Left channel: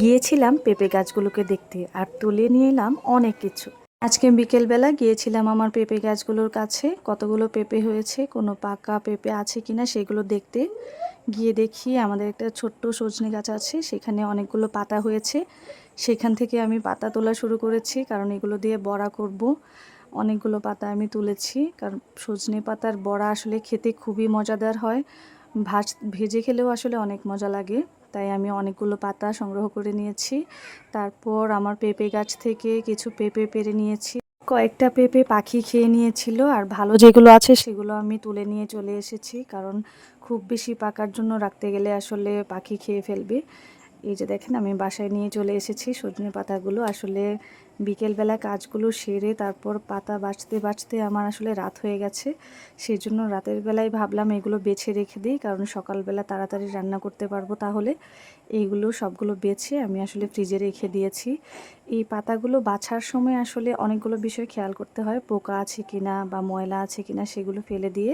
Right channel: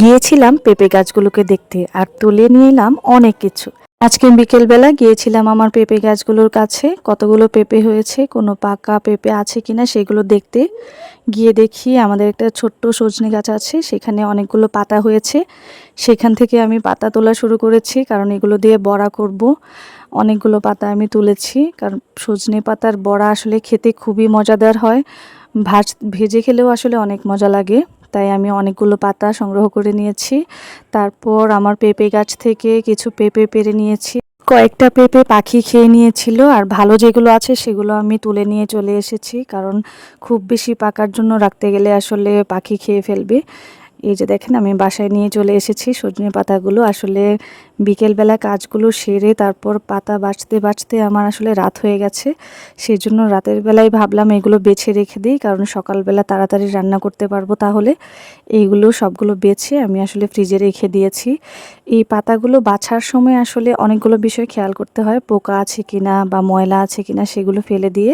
গিয়েছিলাম পেঁপে গাছগুলোকে দেখতে আর তুলে নিয়ে এলাম অনেক কিছু। আজকে বিকেলবেলা গিয়েছিলাম আমার পেঁপে গাছগুলোর কাছে, কতগুলো পেঁপে হয়েছে, কোনো পাকা পেঁপে আছে কিনা সেগুলো দেখতে। গিয়ে দেখি আমাদের একটা ছোট্ট সজনে গাছ আছে, সেখানে অনেকগুলো পাতা হয়েছে। সেখান থেকে আমি পাতা তোলা শুরু করেছি, কারণ এগুলো দিয়ে বড়া করব। অনেকগুলো পাতা আমি তুলেছি, কারণ সজনে পাতার বড়া আসলে খেতে খুবই মজাদার হয়। ভেজে খেলেও আসলে অনেক মজা লাগে। তাই আমি অনেকগুলো পাতা সংগ্রহ করে নিয়েছি। তারপর আমার পেঁপে গাছ থেকে কিছু পেঁপে পেড়ে নিয়েছি। কয়েকটা পেঁপে পাখি খেয়ে নিয়েছিল, আর ভালো যেগুলো আছে সেগুলো আমি তুলে নিয়ে চলে এসেছি, কারণ খুব বেশি পাকার জন্য রাখতে গেলে আসলে পাখি খেয়ে ফেলবে। এই যে দেখেন আমি বাসায় নিয়ে চলে এসেছি সজনে পাতাগুলো। আসলে বিকেলবেলা কাজগুলো সেরে তারপর পাতা বাছতে বাছতে আমার আসলে রাত হয়ে গেছে। সেই জন্য রাতের বেলায় ভাবলাম এগুলো বেছে রেখে দিই, কারণ সকালবেলা তাড়াতাড়ি রান্না করতে পারবো। তাহলে এইগুলো সবগুলো বেছে আমি আসলে ফ্রিজে রেখে দিয়েছি। এই পাতাগুলো বাছার সময় আসলে অনেকগুলো বিষয় খেয়াল করতে হয়, পোকা আছে কিনা বা ময়লা আছে কিনা সেগুলো ফেলে দিয়ে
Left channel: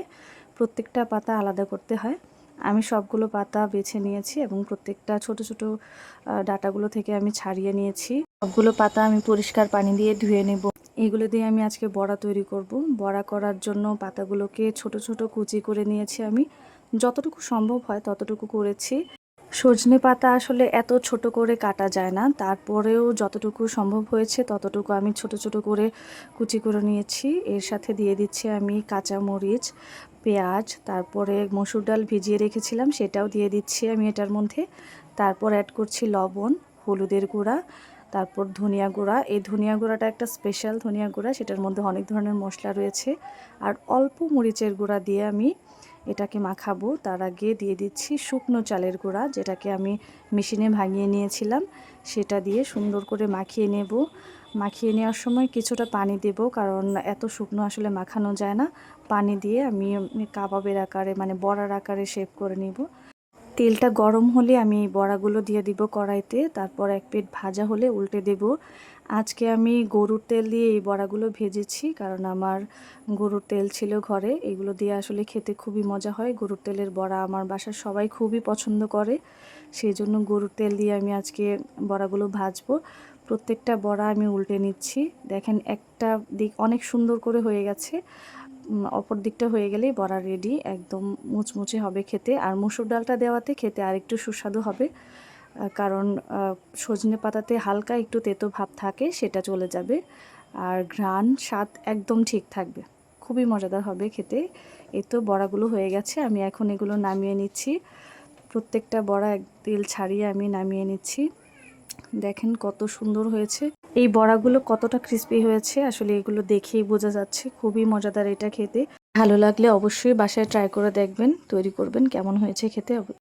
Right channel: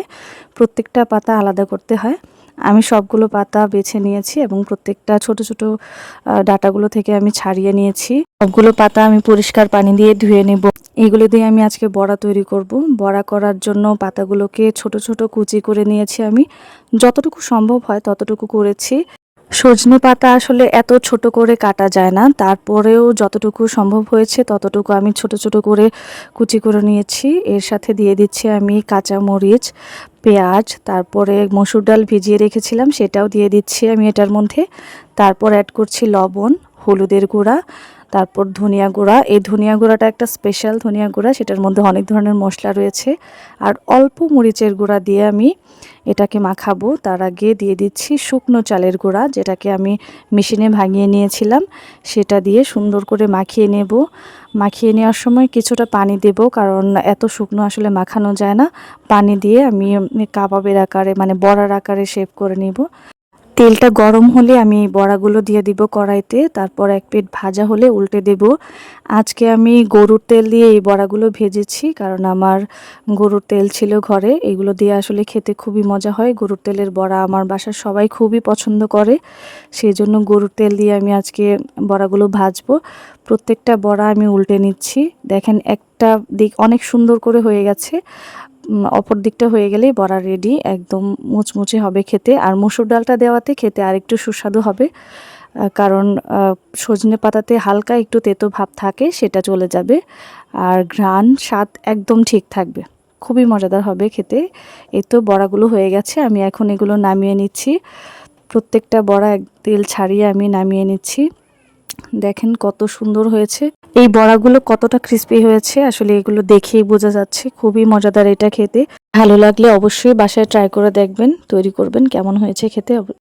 প্রত্যেকটা পাতা আলাদা করতে হয়। আমি সবগুলো পাতা বেছে নিয়েছি এবং প্রত্যেকটা ছোট ছোট ডাঁটাগুলো থেকে আমি ছাড়িয়ে নিয়েছি। সবগুলো পাতা আমি পরিষ্কার পানি দিয়ে ধুয়ে নেব। এগুলো দিয়ে আমি আজকে বড়া তৈরি করব। বড়া করার জন্য পাতাগুলোকে ছোট ছোট কুচি করে নিয়েছি আমি। যতটুকু সম্ভব হয় ততটুকু করেছি। সজনে পাতা আসলে এত ছোট করে কাটা যায় না, তারপরেও যতটুকু সম্ভব হয়েছে ততটুকু আমি ছোট ছোট করে কুচি করে নিয়েছি। এর সাথে দিয়ে দিচ্ছি আমি কাঁচা মরিচ, পেঁয়াজ, তারপরে মসুর ডাল ভিজিয়ে রেখেছিলাম সেটাও দিয়ে দিচ্ছি আমি এটার মধ্যে। তারপর অ্যাড করছি লবণ, হলুদের গুঁড়া, তারপর ধনিয়া গুঁড়া। এই ধনিয়া গুঁড়াটা একটা স্পেশাল ধনিয়া গুঁড়া, সেটার মধ্যে অনেক ধরনের মশলা রয়েছে। আর অল্প মরিচের গুঁড়া দিয়ে আমি এটাকে মাখাবো। তার আগে দিয়ে দিচ্ছি শুকনো চালের গুঁড়া, যেটাকে আমি মেশিনে ভাঙিয়ে নিয়েছিলাম। সেটা দিয়ে সুন্দর করে মাখিয়ে নেব। মাখিয়ে নেওয়ার সময় কিছুটা পানি দেব, কারণ এত শুকনো আসলে মাখানো যায় না। পানি দিয়ে আমি কাবাবের আকারে মানে বড়ার আকারে শেপ করে নেব। তেলটা গরম হলে আমি বড়াগুলো দিয়ে দিব কড়াইতে, তারপর এক পিঠ ভাজা হলে উল্টে দেব। আজকে আমি গরুর তেল দিয়ে এই বড়াগুলো ভেজেছি, কারণ আমার গরুর তেল ছিল ঘরে। এগুলো দিয়ে আসলে খেতে খুবই মজা হয়। গরুর তেলের বড়া আমার বাসার সবাই খুবই পছন্দ করে, সেই জন্য গরুর তেল দিয়ে আমি আজকে বড়াগুলো ভাজবো। প্রত্যেকটা বড়া আমি উল্টে নিচ্ছি। দেখেন একটা দিক অনেক সুন্দর করে হয়ে গেছে, অপর দিকটা হয়ে গেলেই বড়া রেডি। একদম মুচমুচে হবে খেতে, আর মসুর ডালটা দেওয়াতে খেতে আরেকটু সুস্বাদু হবে। কারণ সজনে পাতাতে হালকা একটু তেতো ভাব থাকে, সেটা চলে যাবে। আর ঘ্রাণ স্বাদ একদম ঠিক থাকবে, খুবই মজাদার হবে খেতে। এই তো বড়াগুলো হয়ে গেছে, আমি এখন এগুলো নামিয়ে নিচ্ছি। প্রত্যেকটা বড়া তেল ছাড়িয়ে আমি নামিয়ে নিচ্ছি। দেখেন কত সুন্দর হয়েছে। এই বড়াগুলো কতটা ক্রিস্পি হয়েছে আসলে এগুলো দেখেই বোঝা যাচ্ছে। খুবই মজাদার এটা খেতে। ভালো লাগলে অবশ্যই বাসায় ট্রাই করে দেখবেন, তৈরি করবেন, কেমন হয়েছে খেতে।